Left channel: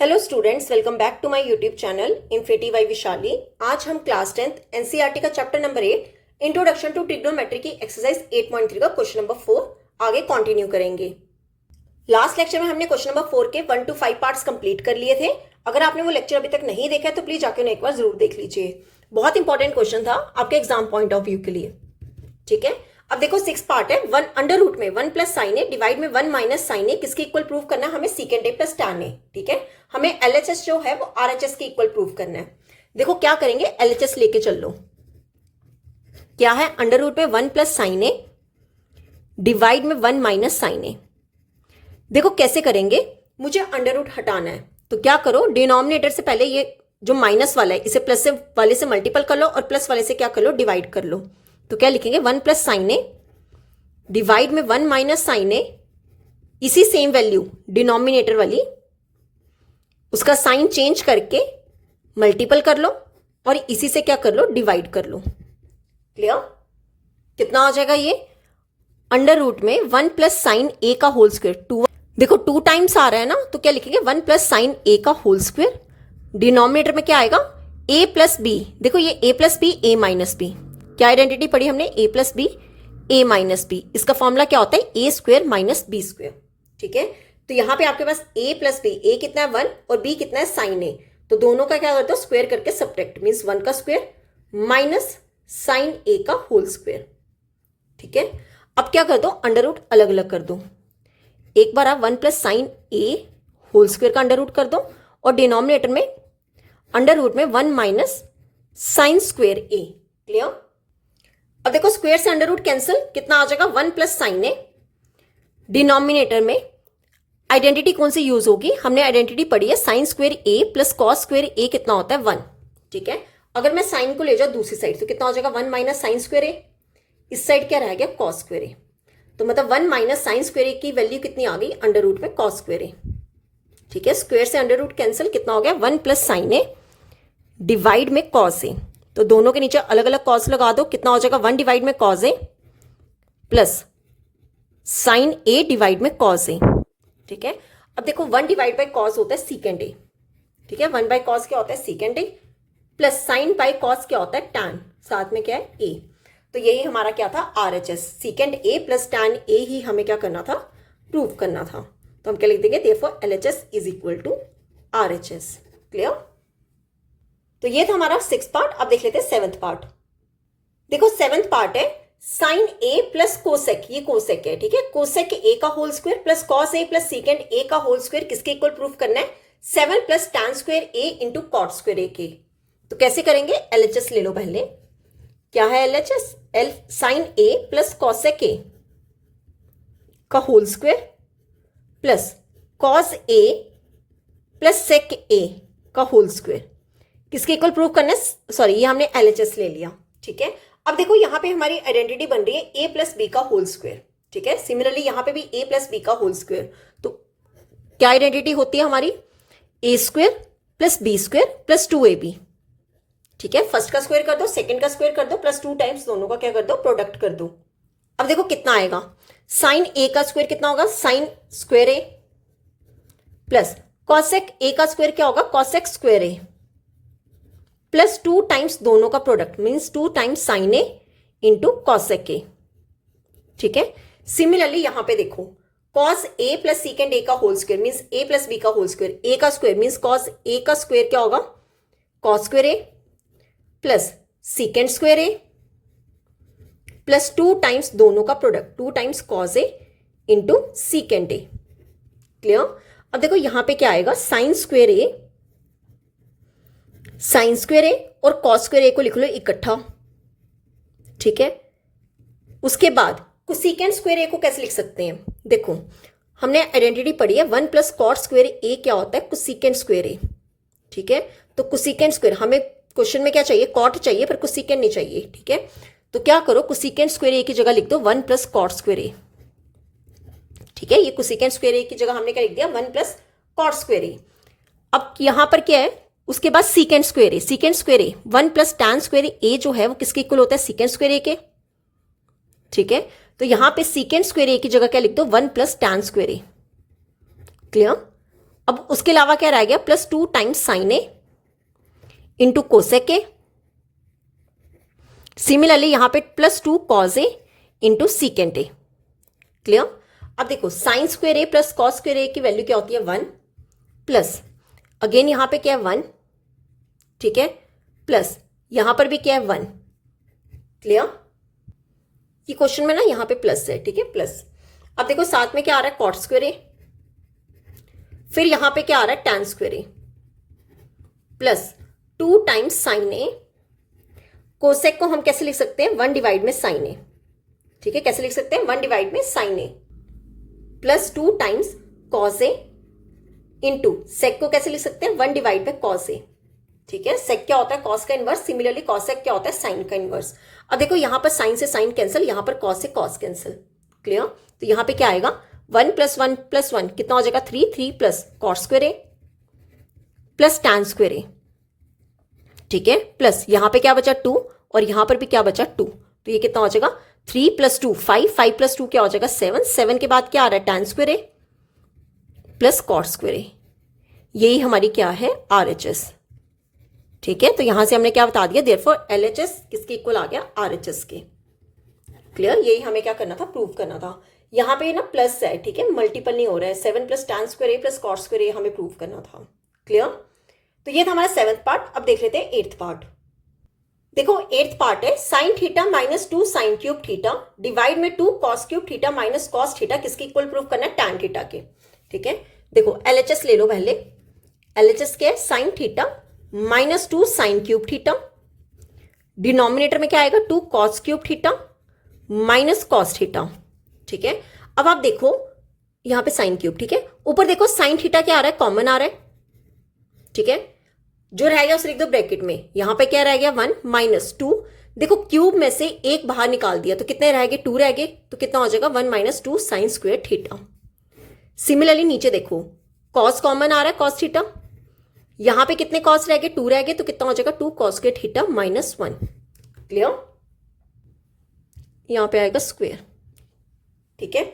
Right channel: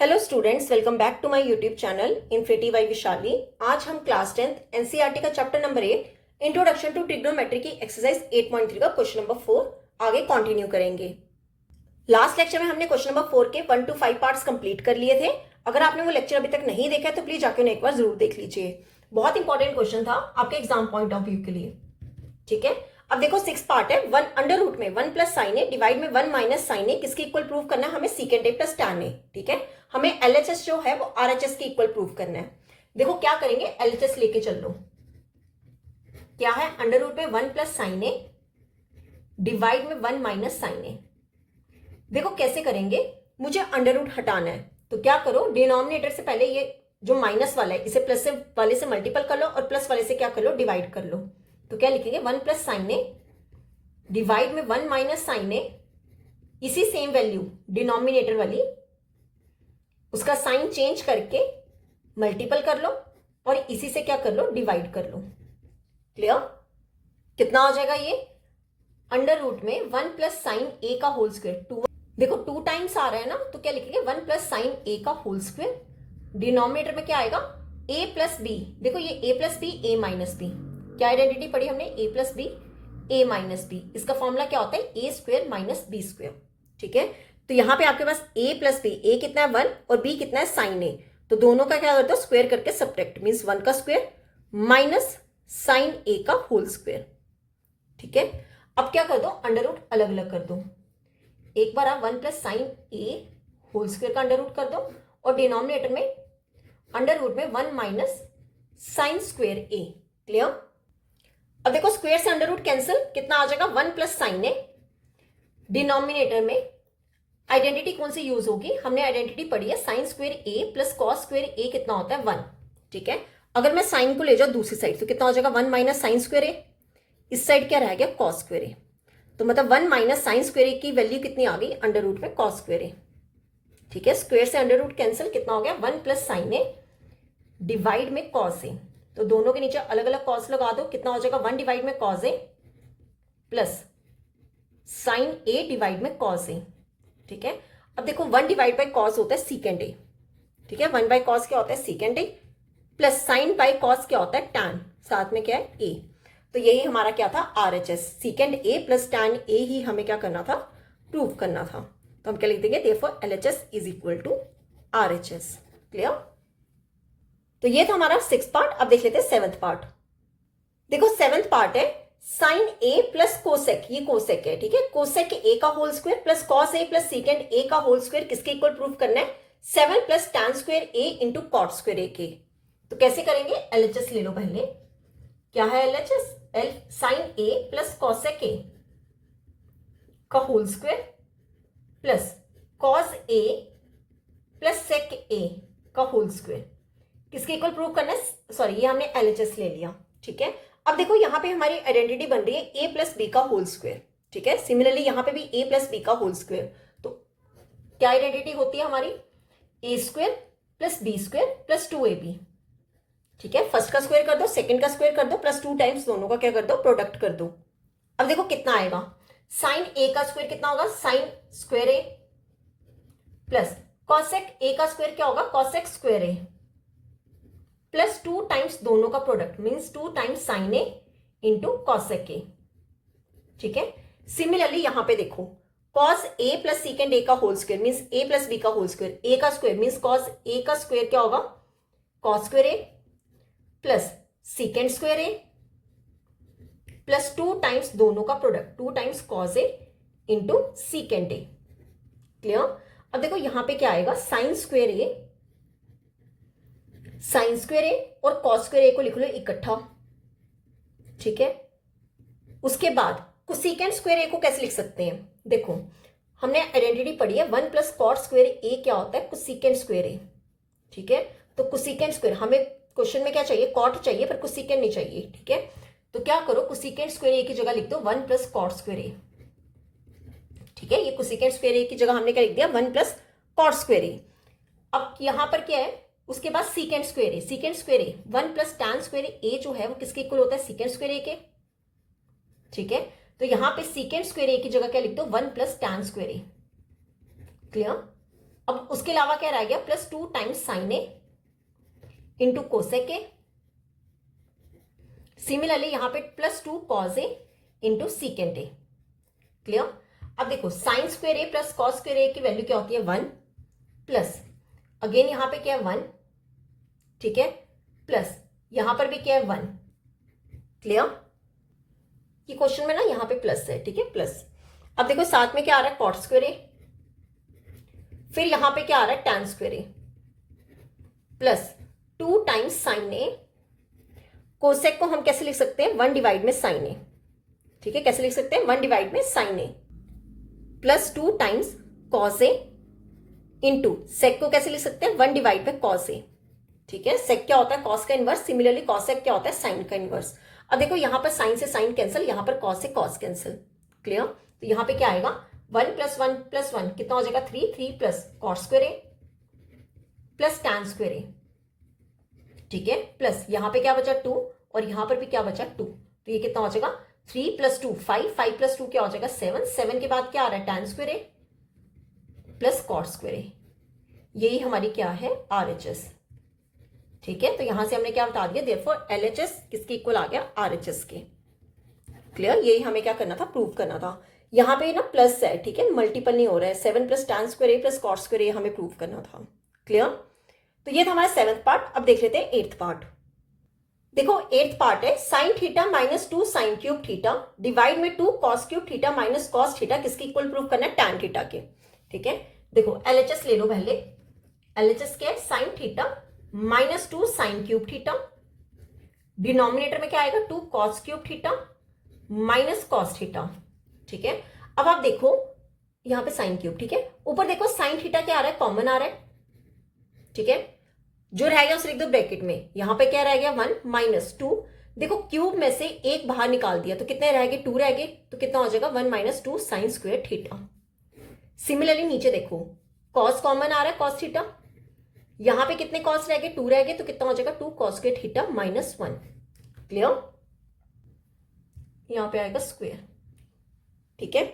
Hello students, welcome back to my YouTube channel infinity by Vishali. आज हम class 10th NCERT का chapter number 8 introduction to trigonometry की exercise 8.3 का question number 4 आगे continue करेंगे। Last lecture में हमने क्वेश्चन नंबर 4 के 1 to 5 पार्ट्स कंप्लीट कर लिए थे। अगर आपने वो लेक्चर अभी तक नहीं देखा है तो प्लीज जाकर उन्हें एक बार जरूर देख लीजिए। बहुत इंपॉर्टेंट क्वेश्चन था आपके एग्जाम पॉइंट ऑफ व्यू के लिए। ठीक है, अब देखो 6 पार्ट है। 1 अंडर रूट में 1 प्लस साइन ए डिवाइड में 1 माइनस साइन ए किसके इक्वल प्रूव करना है? हमें सीकेंड ए प्लस टैन ए। ठीक है, हमें एलएचएस जो है वो आरएचएस के इक्वल प्रूव करना है। देखो क्या करेंगे, एलएचएस लेके चल लो। क्या है? अंडर रूट में 1 प्लस साइन ए डिवाइड में 1 माइनस साइन ए। देखो कैसे करेंगे, मुझे अंडर रूट हटाना है तो क्या करो, डिनोमिनेटर से पहले ये जो माइनस वाला है इसे प्लस से वाले से मल्टीपल कर लो और प्लस वाले से क्या कर लो, डिवाइड कर लो। तो क्या लिखेंगे, 1 प्लस साइन ए डिवाइड में 1 माइनस साइन ए, इसी सेम वैल्यू डिनोमिनेटर वाली, उसका साइन चेंज करके मल्टीपल कर लो और इसी से क्या कर लो, डिवाइड कर लो। क्लियर? कितना हो जाएगा ये? अंडर रूट में 1 प्लस साइन ए का होल स्क्वायर, 2। देखो 2 टाइम्स आ रहा है ना, तो क्या लिखेंगे, 1 प्लस साइन ए का होल स्क्वायर। डिनोमिनेटर में क्या आएगा, ए प्लस बी। देखो ये A plus B, A minus B, क्या आइडेंटिटी पढ़ी हमने, A plus B, A minus B. इसका फॉर्मूला क्या होता है, A square minus B square. ठीक है, तो यहां पे आपके पास ए प्लस बी, ए कितना है 1 और बी कितना है साइन ए, तो दोनों का क्या करते हो, स्क्वायर करके सब्ट्रैक्ट, मीन्स 1 का स्क्वायर माइनस साइन ए का होल स्क्वायर। ठीक है, अब क्या कर दो, अंडर रूट अलग अलग कर दो। एक बार आप 1 प्लस साइन ए होल स्क्वायर का अंडर रूट कर दो और डिनोमिनेटर में अंडर रूट में 1 माइनस साइन स्क्वायर ए। क्लियर? अब देखो स्क्वायर से अंडर रूट कैंसिल, कितना आ जाएगा, 1 प्लस साइन ए। डिनोमिनेटर में आइडेंटिटी कौन सी यूज होगी, हमने आइडेंटिटी पढ़ी है साइन स्क्वायर ए प्लस कॉस स्क्वायर ए कितना होता है, 1। ठीक है, अगर मैं साइन को ले जाऊं दूसरी साइड तो कितना हो जाएगा, 1 माइनस साइन स्क्वायर ए। इस साइड क्या रह गया, कॉस स्क्वायर ए। तो मतलब 1 माइनस साइन स्क्वायर ए की वैल्यू कितनी आ गई, अंडर रूट में कॉस स्क्वायर ए। ठीक है, स्क्वायर से अंडर रूट कैंसिल, कितना हो गया, 1 प्लस साइन ए डिवाइड में कॉस ए। तो दोनों के नीचे अलग अलग कॉस लगा दो, कितना हो जाएगा, 1 डिवाइड में cos A plus sign A divide में कॉस ए। ठीक है, अब देखो 1 डिवाइड बाई कॉस होता है सीकेंड ए। ठीक है, 1 बाई कॉस क्या होता है, सीकेंड ए, प्लस साइन बाई कॉस क्या होता है, टैन, साथ में क्या है, ए। तो यही हमारा क्या था, RHS, सीकेंड A plus tan A ही हमें क्या करना था, प्रूव करना था। तो हम क्या लिख देंगे, therefore LHS is equal to RHS. Clear? तो ये था हमारा 6th पार्ट। अब देख लेते हैं 7th पार्ट। देखो 7th पार्ट है साइन ए प्लस कोसेक, ये कोसेक है। ठीक है, कोसेक ए का whole square plus cos A plus सीकेंड ए का होल स्क्वायर किसके इक्वल प्रूफ करना है, 7 प्लस टैन स्क्वायर ए इंटू कॉट स्क्वायर ए के। तो कैसे करेंगे, एलएचएस ले लो पहले। क्या है एलएचएस, एल साइन ए प्लस कॉसेक ए का whole square plus cos A plus sec ए का होल स्क्वायर किसके इक्वल प्रूव करना है, सॉरी ये हमने एलएचएस ले लिया। ठीक है, अब देखो यहां पे हमारी आइडेंटिटी बन रही है ए प्लस बी का होल स्क्वायर। ठीक है, सिमिलरली यहां पे भी ए प्लस बी का होल स्क्वायर। तो क्या आइडेंटिटी होती है हमारी, A square plus B square plus 2ab। ठीक है, फर्स्ट का स्क्वायर कर दो, सेकंड का स्क्वायर कर दो, प्लस 2 टाइम्स दोनों का क्या कर दो, प्रोडक्ट कर दो। अब देखो कितना आएगा, साइन ए का स्क्वायर कितना होगा, साइन स्क्वायर ए प्लस कॉसेक ए का स्क्वायर क्या होगा, कॉसेक स्क्वायर ए प्लस 2 टाइम्स दोनों का product, means 2 times sign A into cosec ए। ठीक है, सिमिलरली यहां पे देखो कॉस ए प्लस सीकेंड ए का होल स्क्वायर मीन्स ए प्लस बी का होल स्क्वायर, ए का स्क्वायर मीन्स कॉस ए का स्क्वायर क्या होगा, कॉस स्क्वायर ए प्लस सीकेंड स्क्वायर ए प्लस 2 टाइम्स दोनों का product, 2 times cos A into सीकेंड A. Clear? अब देखो यहां पे क्या आएगा, साइन स्क्वायर ए, साइन स्क्वायर ए और कॉस स्क्वायर ए को लिख लो इकट्ठा। ठीक है, उसके बाद कोसेकेंड स्क्वायर ए को कैसे लिख सकते हैं, देखो हमने आइडेंटिटी पढ़ी है 1 प्लस कॉट स्क्वायर ए क्या होता है, कोसेकेंड स्क्वायर ए। ठीक है, तो कोसेकेंड स्क्वायर हमें क्वेश्चन में क्या चाहिए, कॉट चाहिए पर कोसेकेंड नहीं चाहिए। ठीक है, तो क्या करो, कोसेकेंड स्क्वायर ए की जगह लिख दो 1 प्लस कॉट स्क्वायर ए। ठीक है, ये कोसेकेंड स्क्वायर ए की जगह हमने क्या लिख दिया, 1 प्लस कॉट स्क्वायर ए। अब यहां पर क्या है, उसके बाद सीकेंड स्क्वायर ए, सीकेंड स्क्वायर ए 1 प्लस टैन स्क्वायर ए जो है वो किसके इक्वल होता है, सीकेंड स्क्वायर ए के। ठीक है, तो यहां पे सीकेंड स्क्वायर ए की जगह क्या लिख दो, 1 प्लस टैन स्क्वायर ए। क्लियर? अब उसके अलावा क्या रह गया, +2 times sign A into cosec A. Similarly यहां पे +2 cos A into secant A. Clear. अब देखो साइन स्क्वेयर ए प्लस कॉस स्क्वेयर ए की वैल्यू क्या होती है 1, प्लस अगेन यहां पे क्या है 1, ठीक है, प्लस यहां पर भी क्या है 1। क्लियर। ये क्वेश्चन में ना यहां पे प्लस है, ठीक है, प्लस। अब देखो साथ में क्या आ रहा है कॉट स्क्वेयर ए, फिर यहां पे क्या आ रहा है टैन स्क्वेयर ए, प्लस 2 टाइम्स साइन ए। कोसेक को हम कैसे लिख सकते हैं 1 डिवाइड में साइन ए, ठीक है, कैसे लिख सकते हैं 1 डिवाइड में sign A, plus 2 times cos A into सेक को कैसे लिख सकते हैं 1 डिवाइड में कॉस ए, ठीक है। सेक क्या होता है कॉस का इनवर्स, सिमिलरली कॉसेक क्या होता है साइन का इनवर्स। अब देखो यहां पर साइन से साइन कैंसिल, यहां पर कॉस से कॉस कैंसिल। क्लियर। तो यहां पे क्या आएगा 1 + 1 + 1 कितना हो जाएगा 3, 3 प्लस कॉट स्क्वेयर ए प्लस टैन स्क्वेयर ए, ठीक है, प्लस यहां पे क्या बचा 2 और यहां पर भी क्या बचा 2, तो ये कितना हो जाएगा 3 + 2 5, 5 + 2 क्या हो जाएगा 7, 7 के बाद क्या आ रहा है टैन स्क्वेयर ए प्लस कॉट स्क्वेयर ए। यही हमारी क्या है RHS, ठीक है। तो यहां से हमने क्या बता दिया, देयरफॉर LHS किसके इक्वल आ गया RHS के। क्लियर। यही हमें क्या करना था, प्रूव करना था। यहां पे ना प्लस है, ठीक है, मल्टीपल नहीं हो रहा है, 7 + tan स्क्वायर ए प्लस कॉट स्क्वायर ए हमें प्रूव करना था। क्लियर। तो ये था हमारा 7th पार्ट। अब देख लेते हैं 8th पार्ट। देखो 8th पार्ट है sine theta -2 sine cube theta divide में 2 cos cube theta minus cos theta किसके इक्वल प्रूव करना है टैन थीटा के, ठीक है। देखो LHS ले लो पहले, LHS क्या है sine theta -2 sine cube theta, denominator में क्या आएगा 2 cos cube theta minus cos theta, ठीक है। अब आप देखो यहां पे साइन क्यूब, ठीक है, ऊपर देखो साइन थीटा क्या आ रहा है कॉमन आ रहा है, ठीक है, जो रह गया उसे लिख दो ब्रैकेट में। यहां पे क्या रह गया 1 -2, देखो क्यूब में से एक बाहर निकाल दिया तो कितने रह गए 2 रह गए, तो कितना हो जाएगा 1 - 2 साइन स्क्वायर थीटा। सिमिलरली नीचे देखो कॉस कॉमन आ रहा है कॉस थीटा, यहां पे कितने कॉस रह गए 2 रह गए, तो कितना हो जाएगा 2 कॉस स्क्वायर थीटा -1। क्लियर। यहां पे आएगा स्क्वायर, ठीक है।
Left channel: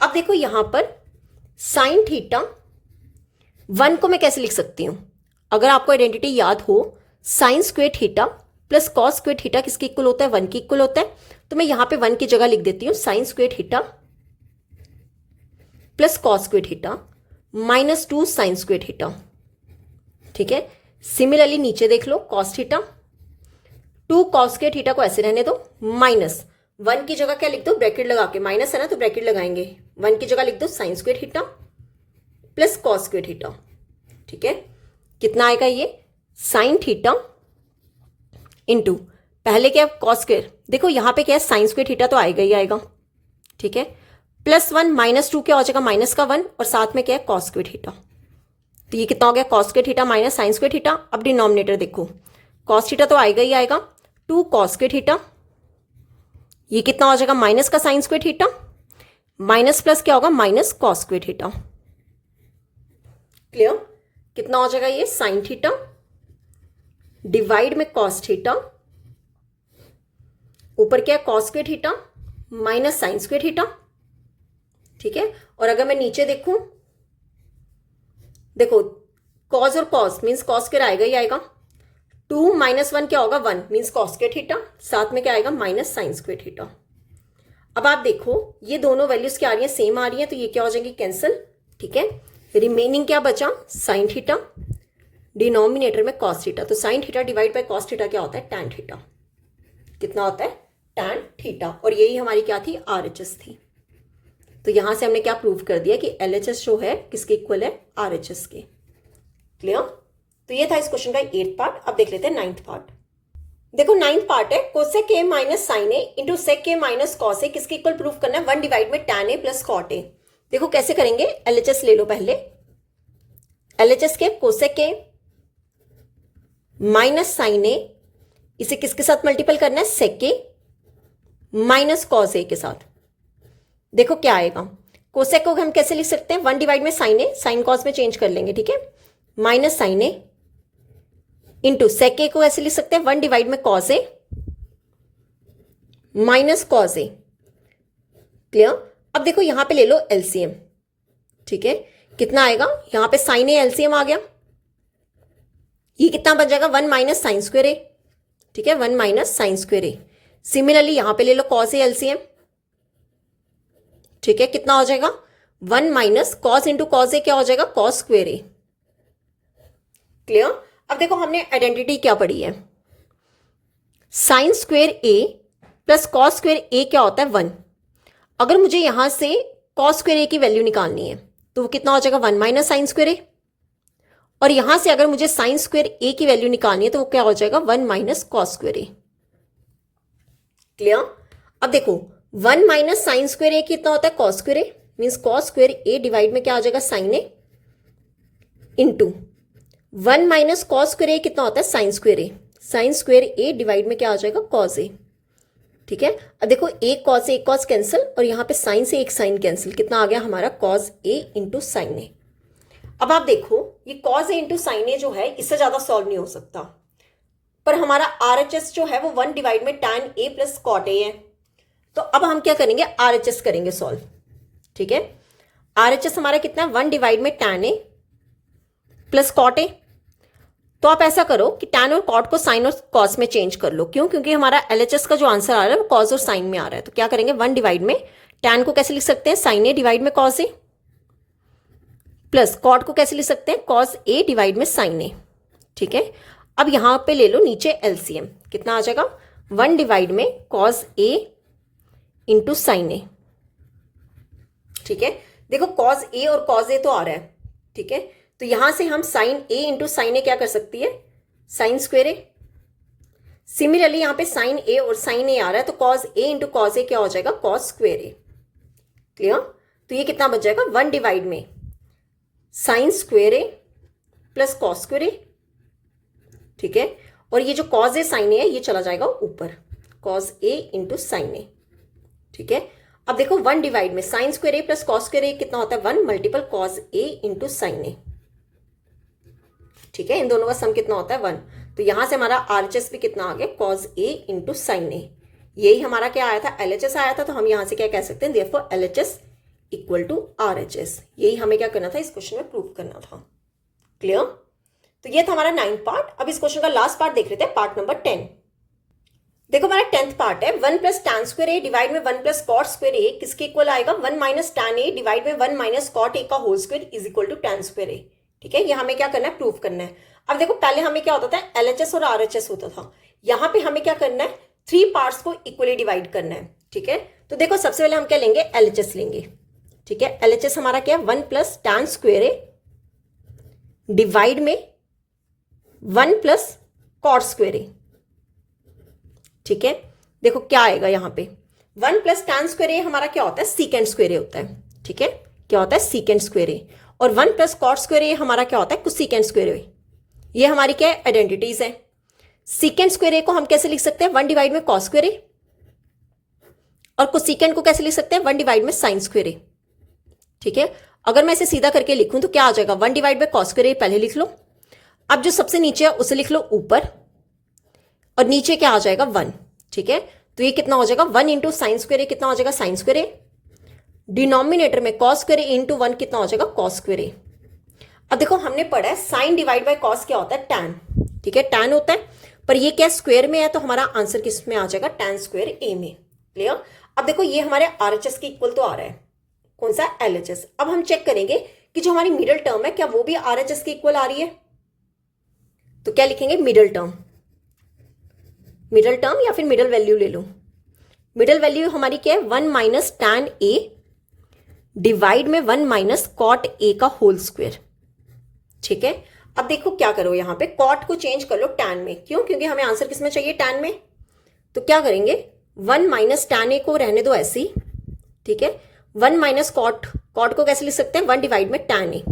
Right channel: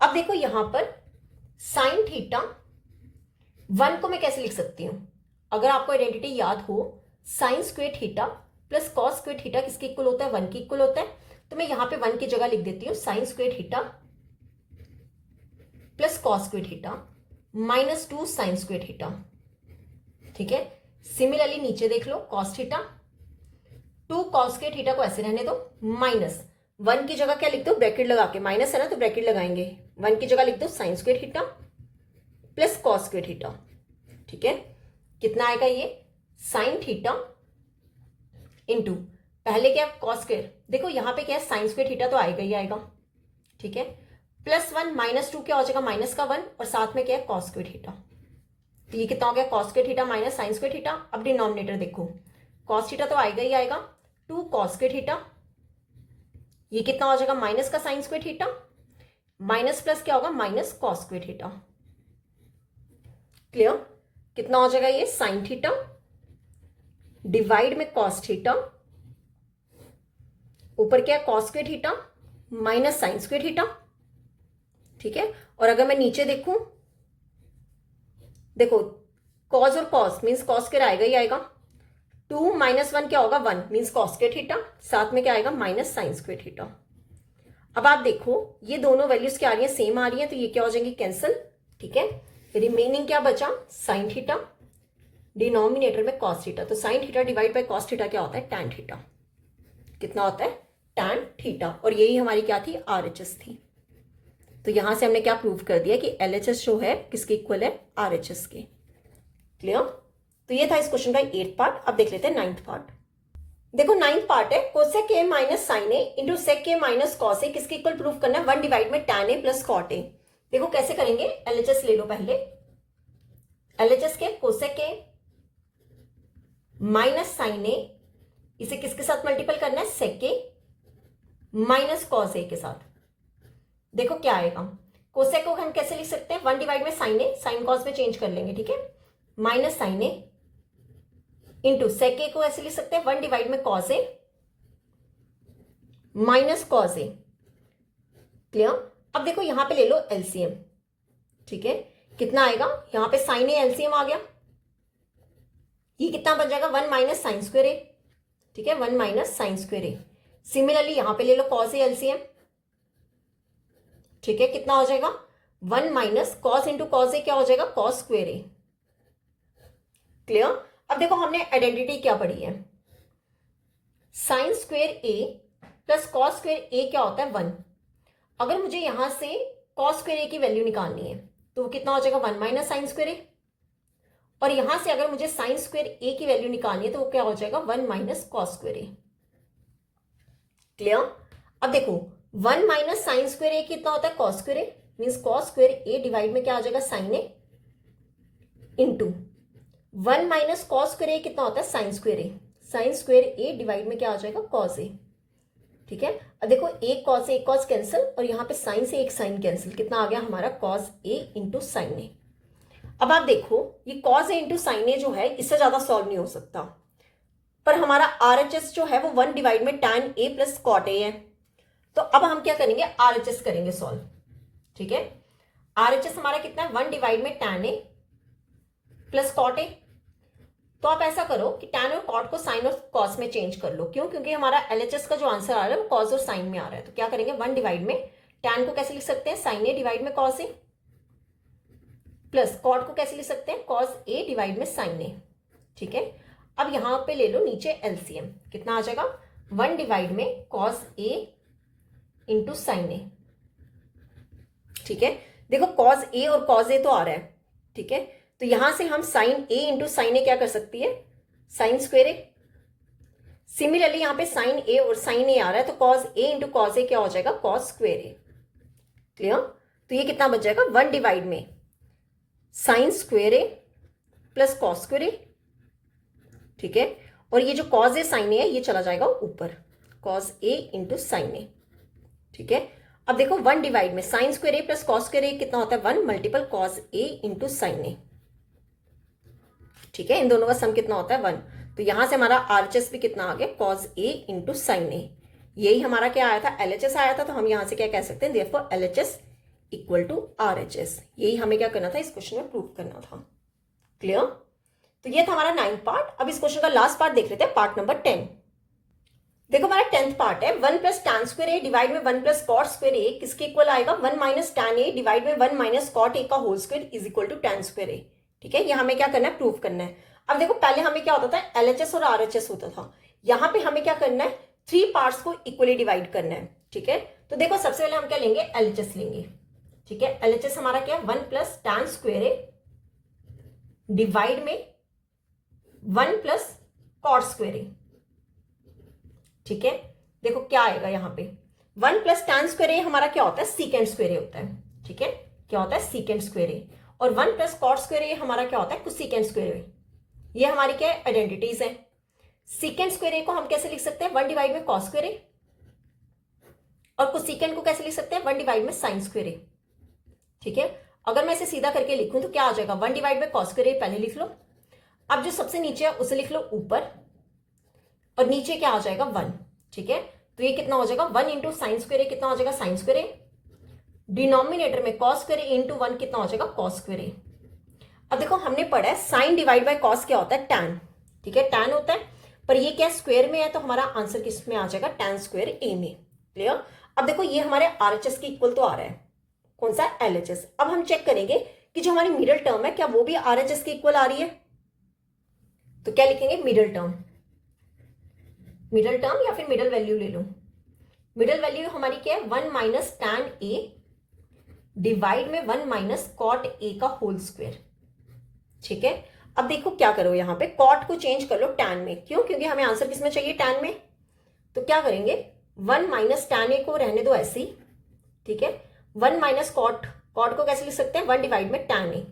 अब देखो यहां पर साइन थीटा 1 को मैं कैसे लिख सकती हूं, अगर आपको आइडेंटिटी याद हो sign square theta plus cos square theta किसके इक्वल होता है 1 के इक्वल होता है, तो मैं यहां पे 1 की जगह लिख देती हूं sine square theta plus cos square theta -2 sine square theta, ठीक है। सिमिलरली नीचे देख लो cos theta 2 cos square theta को ऐसे रहने दो, -1 की जगह क्या लिख दो ब्रैकेट लगा के, माइनस है ना तो ब्रैकेट लगाएंगे, 1 की जगह लिख दो sign square theta plus cos square theta, ठीक है। कितना आएगा ये साइन थीटा इंटू पहले क्या कॉस स्क्वायर, देखो यहां पे क्या है साइन स्क्वायर थीटा तो आएगा ही आएगा, ठीक है, +1 -2 क्या हो जाएगा माइनस का 1 और साथ में क्या है कॉस स्क्वायर थीटा, तो ये कितना हो गया cos square theta minus sign square theta. अब डिनोमिनेटर देखो कॉस थीटा तो आएगा ही आएगा, 2 कॉस स्क्वायर थीटा, ये कितना हो जाएगा माइनस का sign square theta minus plus क्या होगा minus cos square theta. Clear. कितना हो जाएगा ये साइन थीटा डिवाइड में कॉस थीटा, ऊपर क्या है cos square theta minus sign square theta, ठीक है। और अगर मैं नीचे देखूं देखो कॉस और कॉस मीन्स कॉस स्क्वायर आएगा ही आएगा, 2 - 1 क्या होगा 1 मीन्स कॉस स्क्वायर थीटा, साथ में क्या आएगा माइनस साइन स्क्वायर थीटा। अब आप देखो ये दोनों वैल्यूज क्या आ रही है सेम आ रही है, तो ये क्या हो जाएंगी कैंसिल, ठीक है। रिमेनिंग क्या बचा साइन थीटा डिनोमिनेटर में कॉस थीटा, तो sine theta divide by cos theta क्या होता है टैन थीटा, कितना होता है टैन थीटा, और यही हमारी क्या थी RHS थी। तो यहां से हमने क्या प्रूव कर दिया कि LHS जो है किसके इक्वल है RHS के। क्लियर। तो ये था इस क्वेश्चन का 8th पार्ट। अब देख लेते हैं 9th पार्ट। देखो 9th पार्ट है cosec A minus sine A into sec A minus cos A किसके इक्वल प्रूव करना है 1 डिवाइड में tan A plus cot A. देखो कैसे करेंगे, LHS ले लो पहले, LHS के cosec A minus sine A, इसे किसके साथ मल्टीपल करना है sec A minus cos A के साथ। देखो क्या आएगा, कोसेक को हम कैसे लिख सकते हैं 1 डिवाइड में साइन ए, साइन कॉस में चेंज कर लेंगे, ठीक है, माइनस साइन ए इंटू सेक ए को ऐसे लिख सकते हैं 1 डिवाइड में cos A minus cos A. Clear. अब देखो यहां पे ले लो LCM, ठीक है, कितना आएगा, यहाँ पे साइन ए एलसीएम आ गया, ये कितना बन जाएगा 1 माइनस साइन स्क्वायर ए, ठीक है 1 माइनस साइन स्क्वायर ए। सिमिलरली यहां पे ले लो कॉस ए एलसीएम, ठीक है कितना हो जाएगा 1 minus cos into cos A क्या हो जाएगा कॉस स्क्वायर ए। क्लियर। अब देखो हमने आइडेंटिटी क्या पढ़ी है, साइन स्क्वायर ए प्लस कॉस स्क्वायर ए क्या होता है 1। अगर मुझे यहां से कॉस स्क्वायर ए की वैल्यू निकालनी है तो वो कितना हो जाएगा 1 माइनस साइन स्क्वायर ए, और यहां से अगर मुझे साइन स्क्वायर ए की वैल्यू निकालनी है तो वो क्या हो जाएगा 1 माइनस कॉस स्क्वायर ए। क्लियर। अब देखो 1 माइनस साइन स्क्वायर ए कितना होता है कॉस स्क्वायर ए, मीन्स कॉस स्क्वायर ए डिवाइड में क्या आ जाएगा sign A, into 1 minus cos square ए कितना होता है साइन स्क्वायर ए, साइन स्क्वायर ए डिवाइड में क्या आ जाएगा कॉस ए। ठीक है, अब देखो एक कॉस एक कॉस कैंसिल, और यहां पे साइन से एक साइन कैंसिल, कितना आ गया हमारा कॉस ए इंटू साइन ए। अब आप देखो ये कॉस ए इंटू साइन ए जो है इससे ज्यादा सॉल्व नहीं हो सकता, पर हमारा आरएचएस जो है वो 1 डिवाइड में tan A plus cot A है। तो अब हम क्या करेंगे आरएचएस करेंगे सॉल्व। ठीक है, आरएचएस हमारा कितना है 1 डिवाइड में tan A plus cot A. तो आप ऐसा करो कि tan और कॉट को साइन और कॉस में चेंज कर लो, क्यों, क्योंकि हमारा एलएचएस का जो आंसर आ रहा है वो कॉस और साइन में आ रहा है। तो क्या करेंगे 1 डिवाइड में tan को कैसे लिख सकते हैं साइन ए डिवाइड में कॉस ए, प्लस कॉट को कैसे लिख सकते हैं कॉस ए डिवाइड में साइन ए। ठीक है, अब यहां पे ले लो नीचे एलसीएम, कितना आ जाएगा 1 डिवाइड में कॉस ए इंटू साइन ए। ठीक है, देखो कॉस ए और कॉस ए तो आ रहा है, ठीक है, तो यहां से हम साइन ए इंटू साइन ए क्या कर सकती है साइन स्क्वायर ए। सिमिलरली यहां पे साइन ए और साइन ए आ रहा है, तो cos A into cos A क्या हो जाएगा कॉस स्क्वायर ए। क्लियर। तो ये कितना बच जाएगा 1 डिवाइड में sine square A plus cos square A. ठीक है, और ये जो कॉस ए साइन ए है ये चला जाएगा ऊपर, कॉस ए इंटू साइन ए। ठीक है, अब देखो 1 डिवाइड में साइन स्क्वायर ए प्लस कॉस स्क्वायर ए कितना होता है 1 multiple cos A into sine ए। ठीक है, इन दोनों का सम कितना होता है 1। तो यहां से हमारा आरएचएस भी कितना आ गया कॉस ए इंटू साइन ए। यही हमारा क्या आया था एलएचएस आया था, तो हम यहां से क्या कह सकते हैं therefore LHS equal to RHS. यही हमें क्या करना था इस क्वेश्चन में प्रूव करना था। क्लियर। तो ये था हमारा 9th पार्ट। अब इस क्वेश्चन का लास्ट पार्ट देख लेते हैं, पार्ट नंबर 10। देखो हमारा 10th पार्ट है 1 प्लस टैन स्क्वायर ए डिवाइड में 1 प्लस कॉट स्क्वायर ए किसके इक्वल आएगा 1 माइनस टैन ए डिवाइड में 1 माइनस कॉट ए का whole square is equal to tan square A. ठीक है, ये हमें क्या करना है प्रूव करना है। अब देखो पहले हमें क्या होता था एलएचएस और आरएचएस होता था, यहाँ पे हमें क्या करना है 3 पार्ट्स को इक्वली डिवाइड करना है। ठीक है, तो देखो सबसे पहले हम क्या लेंगे एलएचएस लेंगे। ठीक है, एलएचएस हमारा क्या है 1 प्लस टैन स्क्वायर ए डिवाइड में 1 प्लस कॉट स्क्वायर ए। ठीक है, देखो क्या आएगा यहाँ पे 1 प्लस टैन स्क्वायर ए हमारा क्या होता है सीकेंड स्क्वायर ए होता है। ठीक है, क्या होता है सीकेंड स्क्वायर ए, और 1 प्लस कॉट स्क्वायर ए हमारा क्या होता है कोसेकेंड स्क्वायर ए। ये हमारी क्या है आइडेंटिटीज है। सीकेंड स्क्वायर ए को हम कैसे लिख सकते हैं 1 डिवाइड में कॉस स्क्वायर ए, और कोसेकेंड को कैसे लिख सकते हैं 1 डिवाइड में साइन स्क्वायर ए। ठीक है, अगर मैं इसे सीधा करके लिखूं तो क्या आ जाएगा 1 डिवाइड में कॉस स्क्वायर ए पहले लिख लो, अब जो सबसे नीचे है उसे लिख लो ऊपर, और नीचे क्या आ जाएगा 1। ठीक है, तो ये कितना हो जाएगा 1 इंटू साइन स्क्वायर ए कितना हो जाएगा साइन स्क्वायर ए, डिनोमिनेटर में कॉस स्क्वायर ए इंटू 1 कितना हो जाएगा कॉस स्क्वायर ए। अब देखो हमने पढ़ा है साइन डिवाइड बाय कॉस क्या होता है टैन। ठीक है, टैन होता है, पर ये क्या स्क्वायर में है, तो हमारा आंसर किस में आ जाएगा टैन स्क्वायर ए में। क्लियर। अब देखो ये हमारे आरएचएस के इक्वल तो आ रहा है, कौन सा एलएचएस। अब हम चेक करेंगे कि जो हमारी मिडिल टर्म है क्या वो भी आरएचएस के इक्वल आ रही है। तो क्या लिखेंगे मिडिल टर्म, मिडिल टर्म या फिर मिडिल वैल्यू ले लो। मिडिल वैल्यू हमारी क्या है 1 माइनस टैन ए डिवाइड में 1 माइनस कॉट ए का होल स्क्वायर। ठीक है, अब देखो क्या करो यहाँ पे कॉट को चेंज कर लो टैन में, क्यों, क्योंकि हमें आंसर किसमें चाहिए टैन में। तो क्या करेंगे 1 माइनस टैन ए को रहने दो ऐसे ही। ठीक है, 1 माइनस कॉट, कॉट को कैसे लिख सकते हैं 1 डिवाइड में टैन ए,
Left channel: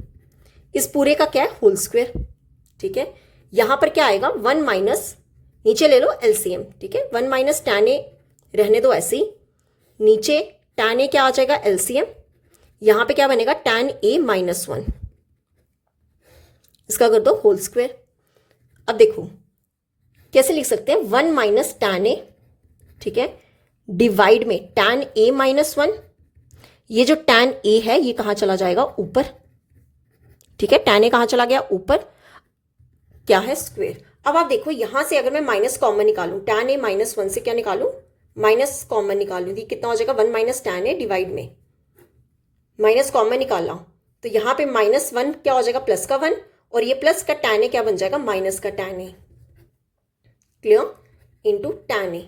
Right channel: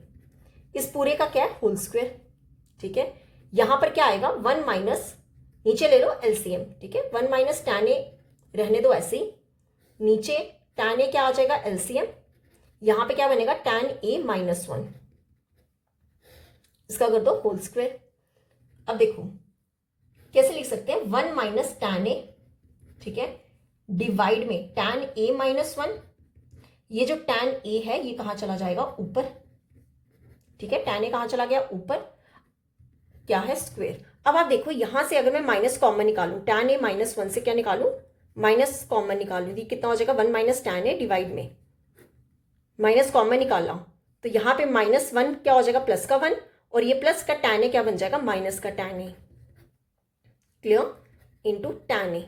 इस पूरे का क्या है होल स्क्वायर। ठीक है, यहां पर क्या आएगा 1 माइनस, नीचे ले लो एलसीएम। ठीक है, 1 माइनस टैन ए रहने दो ऐसे ही, नीचे टैन ए क्या आ जाएगा एलसीएम, यहां पे क्या बनेगा टैन ए माइनस 1, इसका कर दो होल स्क्वायर। अब देखो कैसे लिख सकते हैं 1 माइनस टैन ए, ठीक है, डिवाइड में टैन ए माइनस 1, ये जो टैन ए है ये कहां चला जाएगा ऊपर। ठीक है, tan a कहाँ चला गया, ऊपर, क्या है, स्क्वेयर। अब आप देखो यहां से अगर मैं माइनस कॉमन निकालूं, tan a -1 से क्या निकालूं, माइनस कॉमन निकालूं, कितना हो जाएगा 1 माइनस tan a डिवाइड में माइनस कॉमन निकाला, तो यहाँ पे -1 क्या हो जाएगा, प्लस का 1, और ये प्लस का tan a क्या बन जाएगा, माइनस का tan a, clear, into tan a।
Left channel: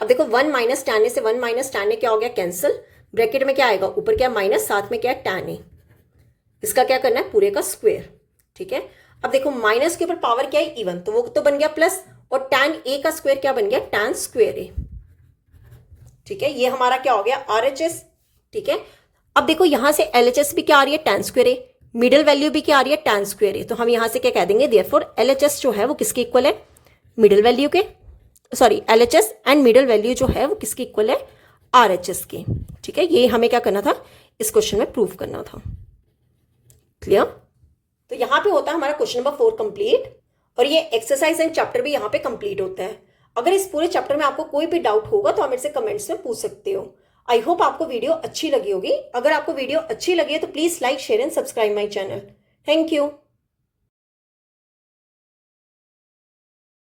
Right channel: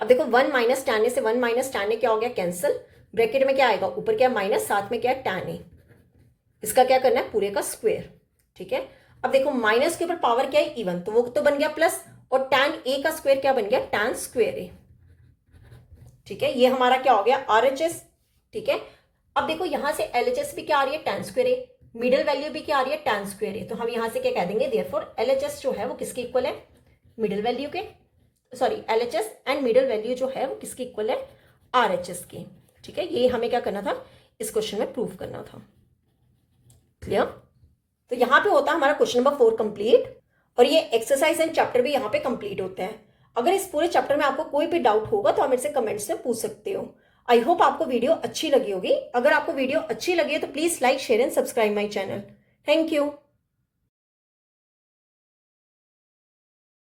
अब देखो 1 माइनस tan a से 1 माइनस tan a क्या हो गया, कैंसिल, ब्रैकेट में क्या आएगा, ऊपर क्या माइनस, साथ में क्या है tan a, इसका क्या करना है, पूरे का स्क्वायर, ठीक है। अब देखो माइनस के ऊपर पावर क्या है, इवन, तो वो तो बन गया प्लस, और tan a का स्क्वायर क्या बन गया, tan स्क्वायर a, ठीक है। ये हमारा क्या हो गया, RHS, ठीक है। अब देखो यहां से LHS भी क्या आ रही है, tan square a, middle value भी क्या आ रही है, tan स्क्वायर a, तो हम यहां से क्या कह देंगे, देयरफॉर LHS जो है वो किसके इक्वल है, मिडिल वैल्यू के, sorry LHS and middle value जो है वो किसके इक्वल है, RHS के, ठीक है। ये हमें क्या करना था, इस क्वेश्चन में प्रूव करना था, क्लियर। तो यहाँ पे होता है हमारा क्वेश्चन नंबर 4 कंप्लीट, और ये एक्सरसाइज एंड चैप्टर भी यहाँ पे कंप्लीट होता है। अगर इस पूरे चैप्टर में आपको कोई भी डाउट होगा तो आप मेरे से कमेंट्स में पूछ सकते हो। आई होप आपको वीडियो अच्छी लगी होगी। अगर आपको वीडियो अच्छी लगी है तो please like, share and subscribe my channel. Thank you.